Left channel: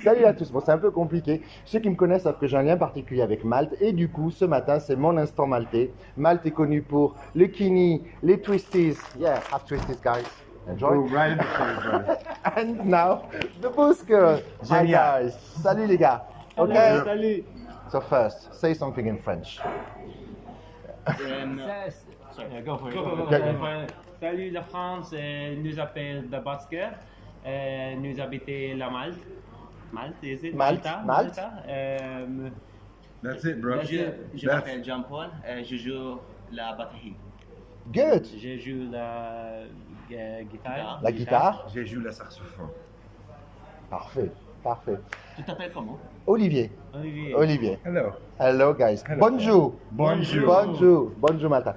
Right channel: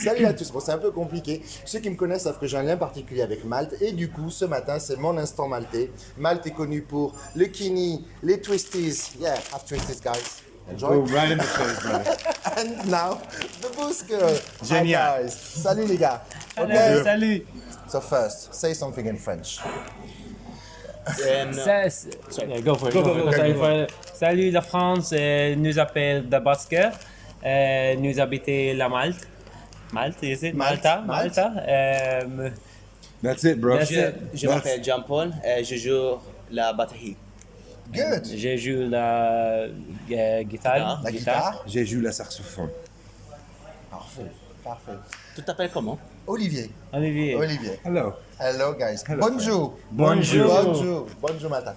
Salut à tous, bon c'est un peu compliqué. Ceux qui me connaissent savent que j'ai un lien particulier avec Malte et du coup ce matin c'est mon instant maltais. Malte est connu pour le kini, les twisties. Yeah, have twisties guys. Enjoy. Oh, right in the face, brother. And now the Busker. Hi Génial. guys. Salut les gars. Salut, Ok. salut. So first, say something in French. Yeah, go for it. Salut la France, nous appelle The Busker. Nous habitons la Malte. Malte, is it? Malte. Malta. That's it, bro. Je m'appelle Jean-Paul, je joue la batterie. Good. Je joue la guitare. La guitare. J'ai joué le saxophone. Parfait, parfait. Tu t'appelles comment? Olivier. Olivier. Olivier. Hello. Hello guys. Bonjour. Bonjour. Bonjour. Bonjour Malta.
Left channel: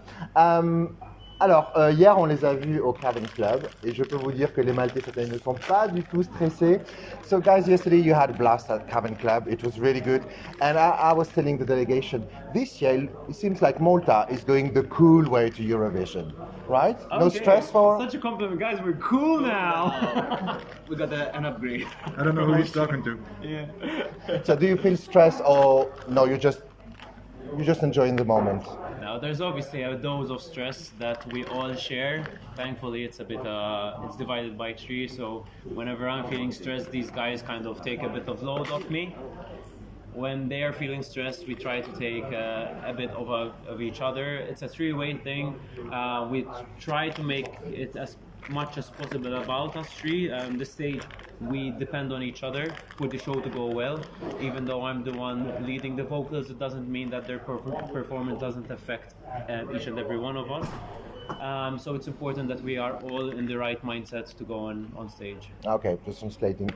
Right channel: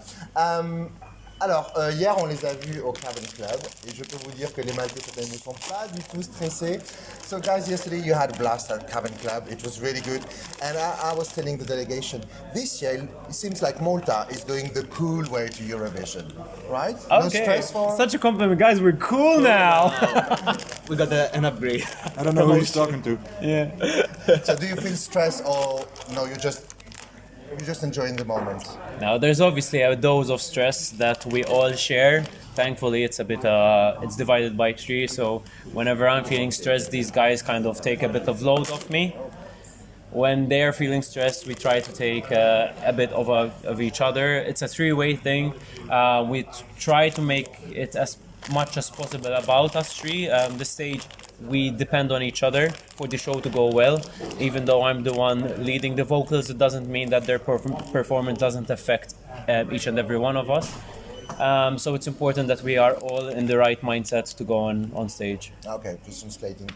Alors, hier on les a vus au Cavern Club et je peux vous dire que les Maltais cette année ne sont pas du tout stressés. So guys, yesterday you had a blast at Cavern Club. It was really good. And I was telling the delegation, this year it seems like Malta is going the cool way to Eurovision. Right? No Okay. stress for... Such a compliment, guys. We're cool now. We got an upgrade. I don't know who he's talking to. Yeah. So do you feel stressed or no, you're just enjoying the moment? Now, there's obviously a dose of stress that we all share. Thankfully, it's a bit, it's divided by three. So whenever I'm feeling stressed, these guys kind of take a bit of load off me. When they're feeling stressed, we try to take a bit of each other. It's a three-way thing. We try to make it as much as possible about us three. The stage, we depend on each other for the show to go well. Even though I'm the one leading the vocals, it doesn't mean that their performance doesn't affect each and every one of us. So it's important that we are all in the right mindset to go on stage. Ok, just translating.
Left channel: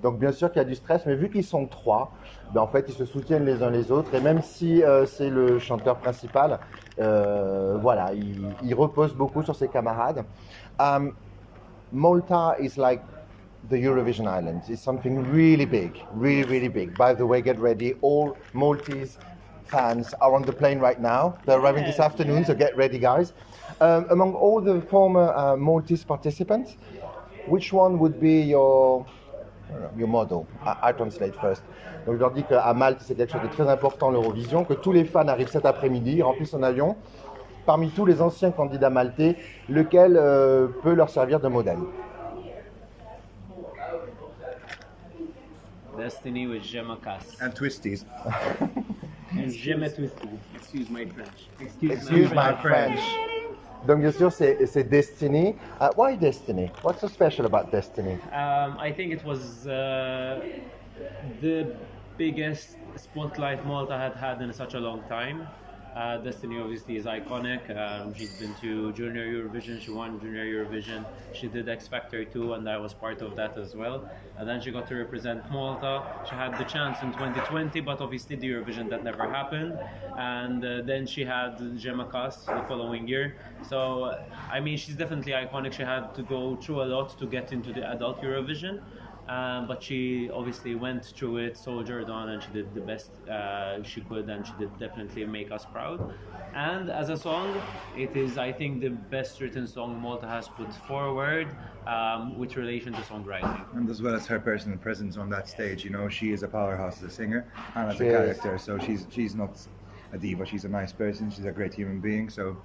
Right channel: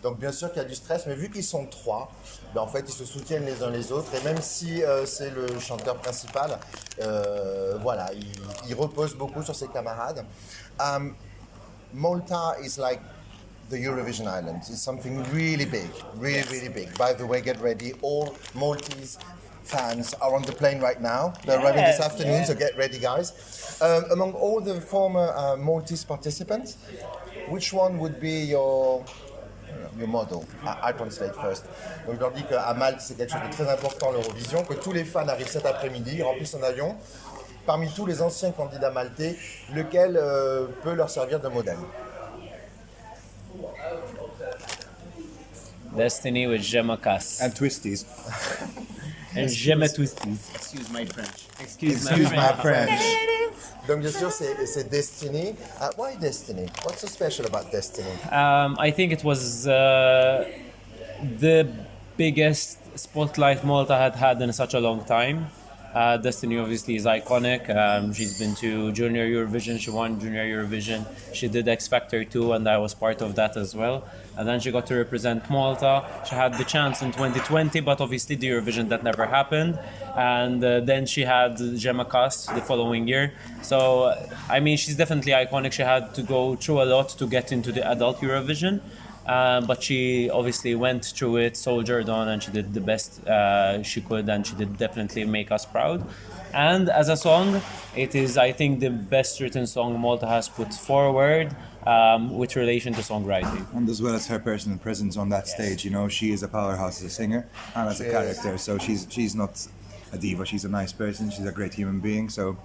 Donc bien sûr qu'il y a du stress, mais vu qu'ils sont trois, ben en fait ils se soutiennent les uns les autres. Et même si c'est le chanteur principal, voilà, il repose beaucoup sur ses camarades. Malta is like the Eurovision island. It's something really big, really, really big. By the way, get ready. All Maltese fans are on the plane right now. They're arriving this afternoon, so get ready, guys. Among all the former Maltese participants, which one would be your model? I translate first. Donc je leur dis qu'à Malte, c'est quelque chose de très important, l'Eurovision, que tous les fans arrivent cet après-midi, remplissent son avion. Parmi tous les anciens candidats maltais, lequel peut leur servir de modèle? Destiny with Gemma Cass. And twisties. And Gemma Twisties. Excuse my French. Excuse my French. Donc bien sûr, c'est Destiny. Why Destiny? What's so special about Destiny? I think it was the biggest spotlight Malta had had in such a long time. Destiny obviously is iconic. She's been to Junior Eurovision, she won Junior Eurovision. She did X Factor 2 and I was part of that as well. And then she got to represent Malta. She had the chance in 2020, but obviously the Eurovision that never happened. And then she had Gemma Cass the following year. So, I mean, she's definitely iconic. She had to go through a lot to get into the adult Eurovision. But she obviously went through it, soldiered on, and she did the best she could, and she did definitely make us proud. And as a song, it is, I think, the best written song Malta has put forward with relation to songwriting. And as well as her personal presence on that stage, you know, she is a powerhouse as a singer and as a character. So she's not a diva, she's a nice person, she's a great human being. So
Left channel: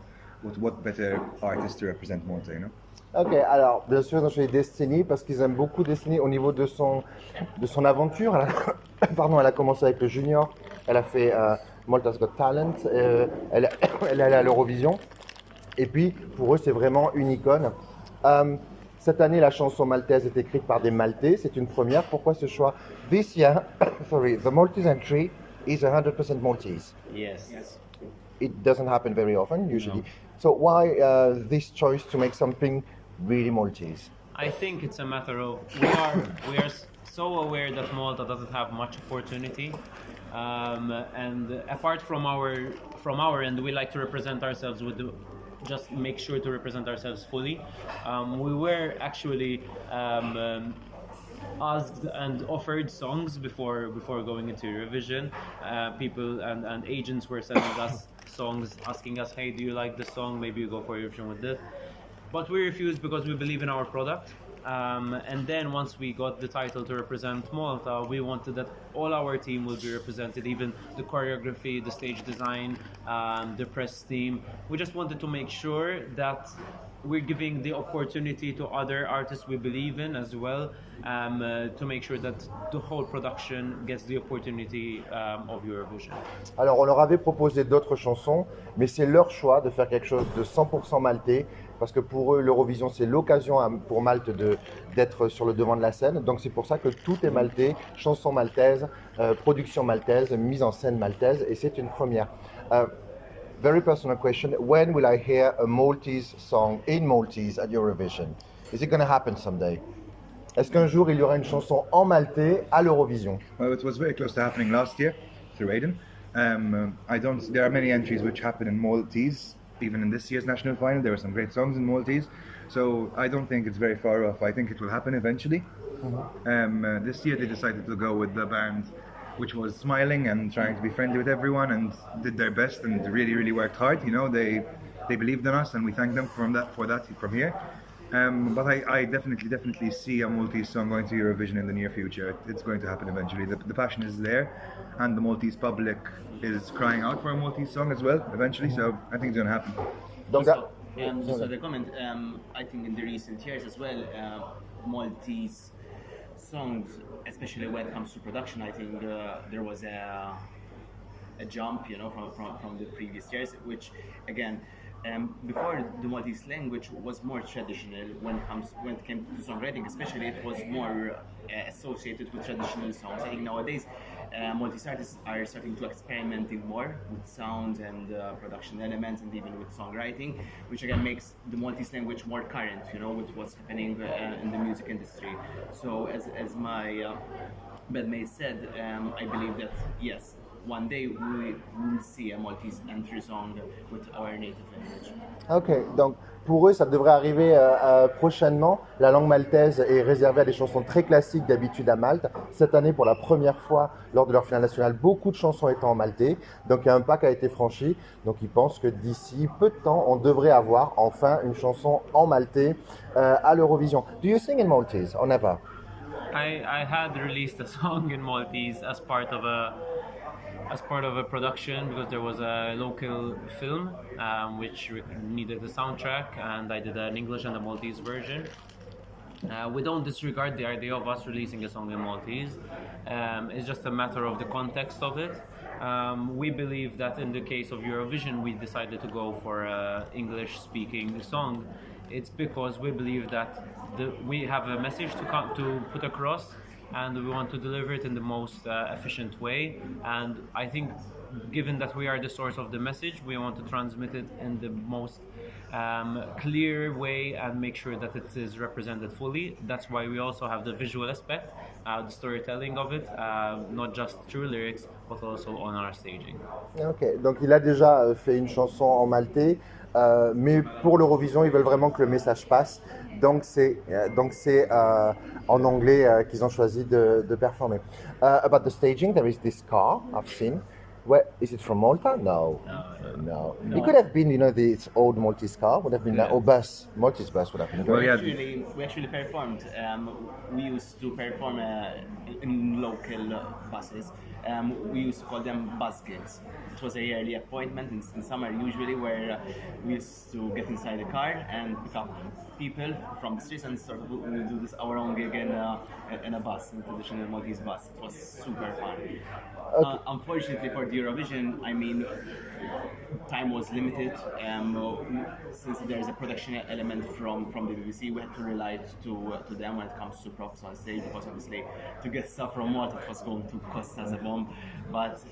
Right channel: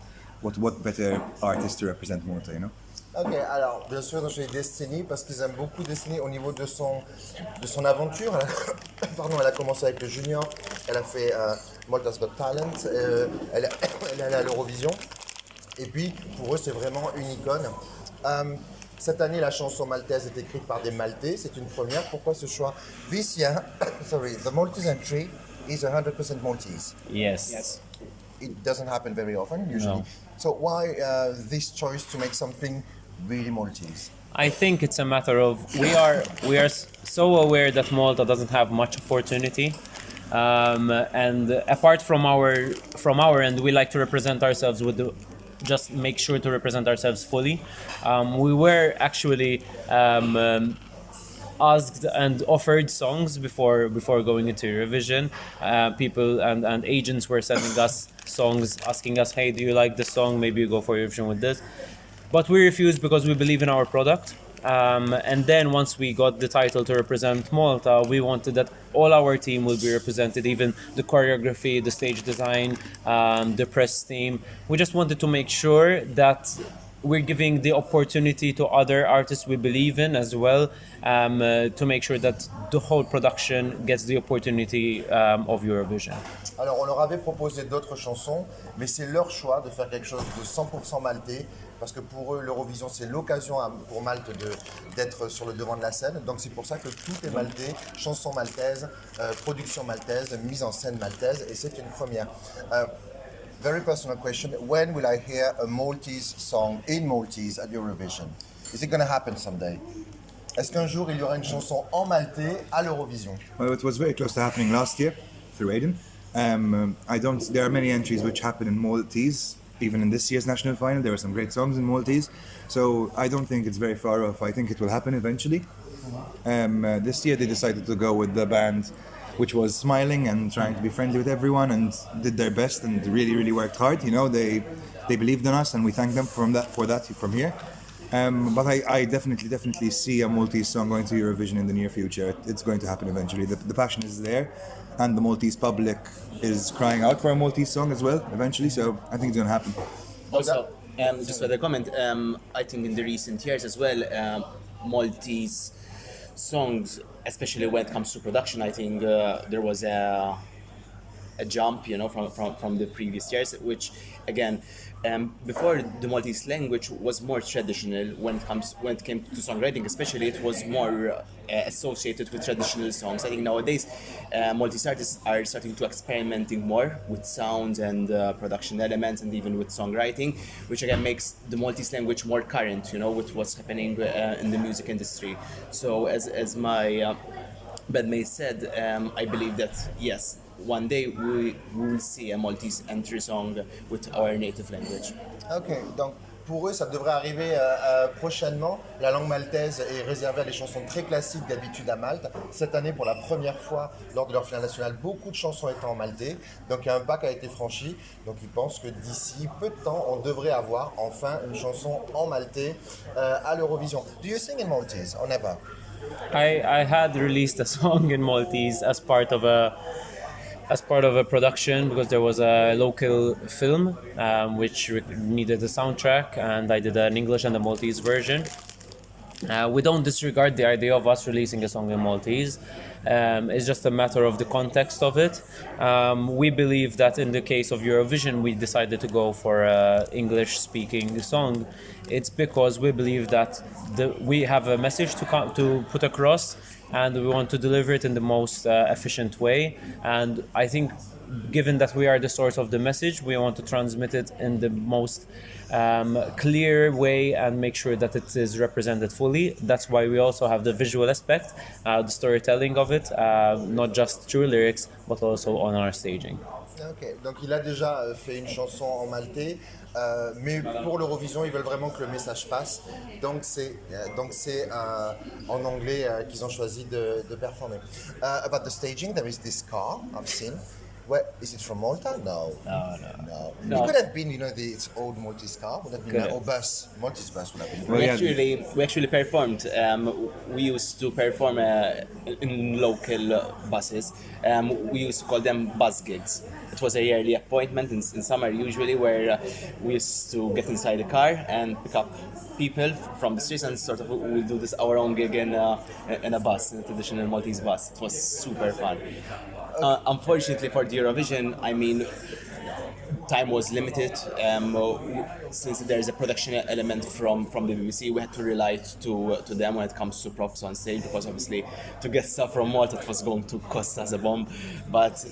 what better artist to represent Malta, you know? Ok, alors bien sûr, j'ai Destiny parce qu'ils aiment beaucoup Destiny au niveau de son aventure. Elle a commencé avec le junior, elle a fait Malta's Got Talent, elle est allée à l'Eurovision. Et puis pour eux, c'est vraiment une icône. Cette année, la chanson maltaise est écrite par des Maltais, c'est une première. Pourquoi ce choix? This year, sorry, the Maltese entry is 100% Maltese. Yes. It doesn't happen very often, usually. No. So why this choice to make something really Maltese? I think it's a matter of we are so aware that Malta doesn't have much opportunity, and apart from our end, we like to represent ourselves just make sure to represent ourselves fully. We were actually asked and offered songs before going into Eurovision. People and agents were sending us songs, asking us, hey, do you like this song? Maybe you go for Eurovision with this. But we refused because we believe in our product. And then once we got the title to represent Malta, we wanted that all our team will be represented, even the choreography, the stage design, the press team. We just wanted to make sure that we're giving the opportunity to other artists we believe in as well, to make sure that the whole production gets the opportunity of Eurovision. Alors, on leur avait proposé d'autres chansons, mais c'est leur choix de faire quelque chose de 100% maltais, parce que pour eux, l'Eurovision, c'est l'occasion pour Malte d'être sur le devant de la scène. Donc, c'est pour ça que tout est maltais, chansons maltaises, production maltaise, mise en scène maltaise, et c'est une première. Very personal question. When will I hear a Maltese song in Maltese at Eurovision? Is it going to happen someday? Est-ce qu'un jour il y aura une chanson en maltais à l'Eurovision? Well, it was very close to happening last year through Aiden. There are many entries which happen in Maltese. Even in this year's national final, there were some great songs in Maltese. So I don't think it's very far off. I think it will happen eventually. This year they decided to go with the band which was smiling and trying to be friendly with everyone and did their best and really, really worked hard. You know, they believed in us and we thank them for that from here. But I definitely see a Maltese song going to Eurovision in the near future. It's going to happen eventually. The passion is there and the Maltese public is crying out for a Maltese song as well eventually, so I think it's going to happen. Also, just for the comment, I think in the recent years as well, Maltese songs, especially when it comes to production, I think there was a jump, you know, from the previous years, which again, before the Maltese language was more traditional when it came to songwriting, especially it was more associated with traditional songs. I think nowadays Maltese artists are starting to experimenting more with sounds and production elements and even with songwriting, which again makes the Maltese language more current, you know, with what's happening in the music industry. So as my bandmate said, I believe that yes, one day we will see a Maltese entry song with our native language. Ok, donc pour eux, ça devrait arriver prochainement. La langue maltaise est réservée à des chansons très classiques d'habitude à Malte. Cette année, pour la première fois, lors de leur finale nationale, beaucoup de chansons étant en maltais. Donc il y a un pas qui a été franchi. Donc ils pensent que d'ici peu de temps, on devrait avoir enfin une chanson en maltais à l'Eurovision. Do you sing in Maltese or never? I had released a song in Maltese as part of a production because there was a local film which needed a soundtrack, and I did an English and a Maltese version. We don't disregard the idea of us releasing a song in Maltese. It's just a matter of the context of it. We believe that in the case of Eurovision, we decided to go for an English-speaking song. It's because we believe that we have a message to put across, and we want to deliver it in the most efficient way. And I think, given that we are the source of the message, we want to transmit it in the most clear way and make sure that it is represented fully. That's why we also have the visual aspect, the storytelling of it, not just through lyrics, but also on our staging. Ok, donc il a déjà fait une chanson en maltais, mais pour l'Eurovision, ils veulent vraiment que le message passe. Donc c'est en anglais qu'ils ont choisi de performer. About the staging, there is this car I've seen. Where is it from Malta? No. It could have been, you know, the old Maltese car would have been, or bus, Maltese bus would have been. Well, yeah. We actually performed. We used to perform in local buses. We used to call them bus gigs. It was a yearly appointment in summer usually, where we used to get inside a car and pick up people from the streets and sort of we'll do this our own gig in a bus, in a traditional Maltese bus. It was super fun. Unfortunately for the Eurovision, I mean, time was limited. Since there is a production element from the BBC, we had to rely to them when it comes to props on stage, because obviously to get stuff from Malta it was going to cost us a bomb. But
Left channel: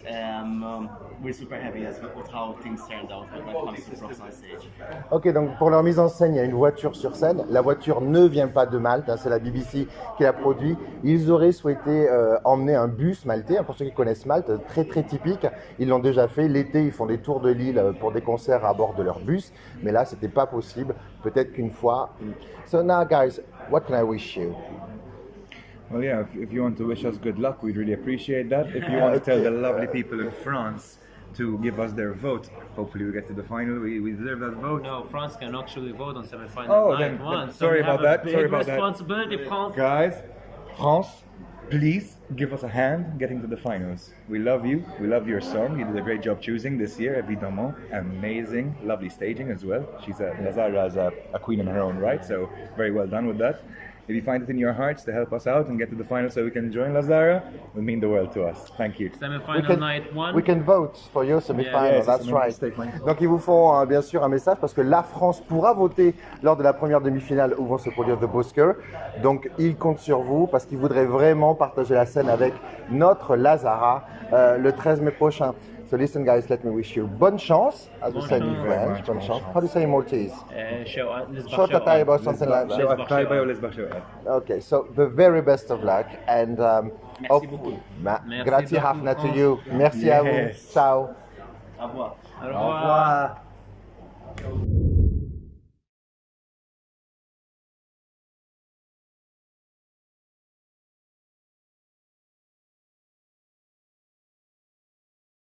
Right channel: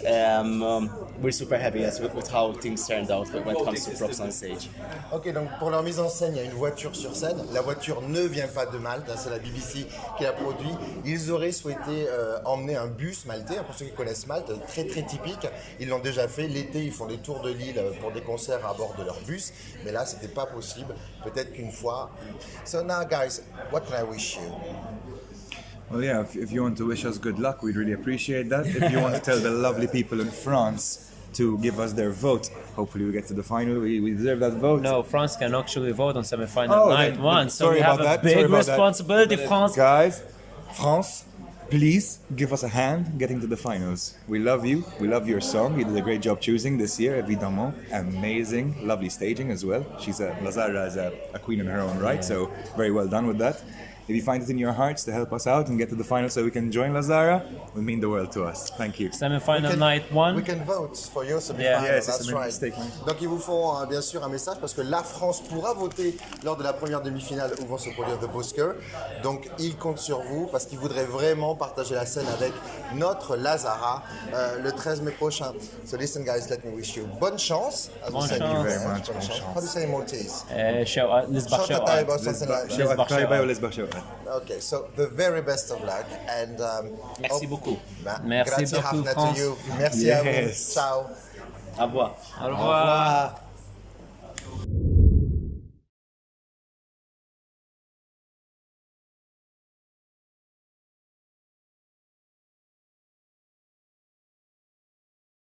we're super happy with how things turned out when it comes to props on stage. Ok, donc pour leur mise en scène, il y a une voiture sur scène. La voiture ne vient pas de Malte, hein, c'est la BBC qui l'a produit. Ils auraient souhaité emmener un bus maltais, hein, pour ceux qui connaissent Malte, très très typique. Ils l'ont déjà fait. L'été, ils font des tours de l'île pour des concerts à bord de leur bus. Mais là, c'était pas possible. Peut-être qu'une fois. So now, guys, what can I wish you? Well, yeah, if you want to wish us good luck, we'd really appreciate that. If you want to tell the lovely people in France to give us their vote. Hopefully we get to the final. We deserve that vote. No, France can actually vote on semi-final Oh, night then- one. then So sorry we have about that, a big sorry about that. responsibility, France. Guys, France, please give us a hand getting to the finals. We love you. We love your song. You did a great job choosing this year, évidemment. Amazing, lovely staging as well. Lazara is a queen in her own right, so very well done with that. If you find it in your hearts to help us out and get to the final so we can join Lazara, it would mean the world to us. Thank you. Semi-final night one. We can vote for your semi-final. Yes, That's it's a right. mistake, Mike. Donc ils vous font bien sûr un message parce que la France pourra voter lors de la première demi-finale où vont se produire The Busker. Donc ils comptent sur vous parce qu'ils voudraient vraiment partager la scène avec notre Lazara le 13 mai prochain. So listen guys, let me wish you bonne chance. As we said in chance. Very French, much, bonne bonne chance. chance. How do you say in Maltese? Lisbach Short time or something like that. Show at Taiba or Lesbach show at. Okay, so the very best of luck and Merci beaucoup. Merci grazie beaucoup, Hafna to France. you. Merci à vous. Yes. Ciao. Au revoir. Au Au revoir. revoir.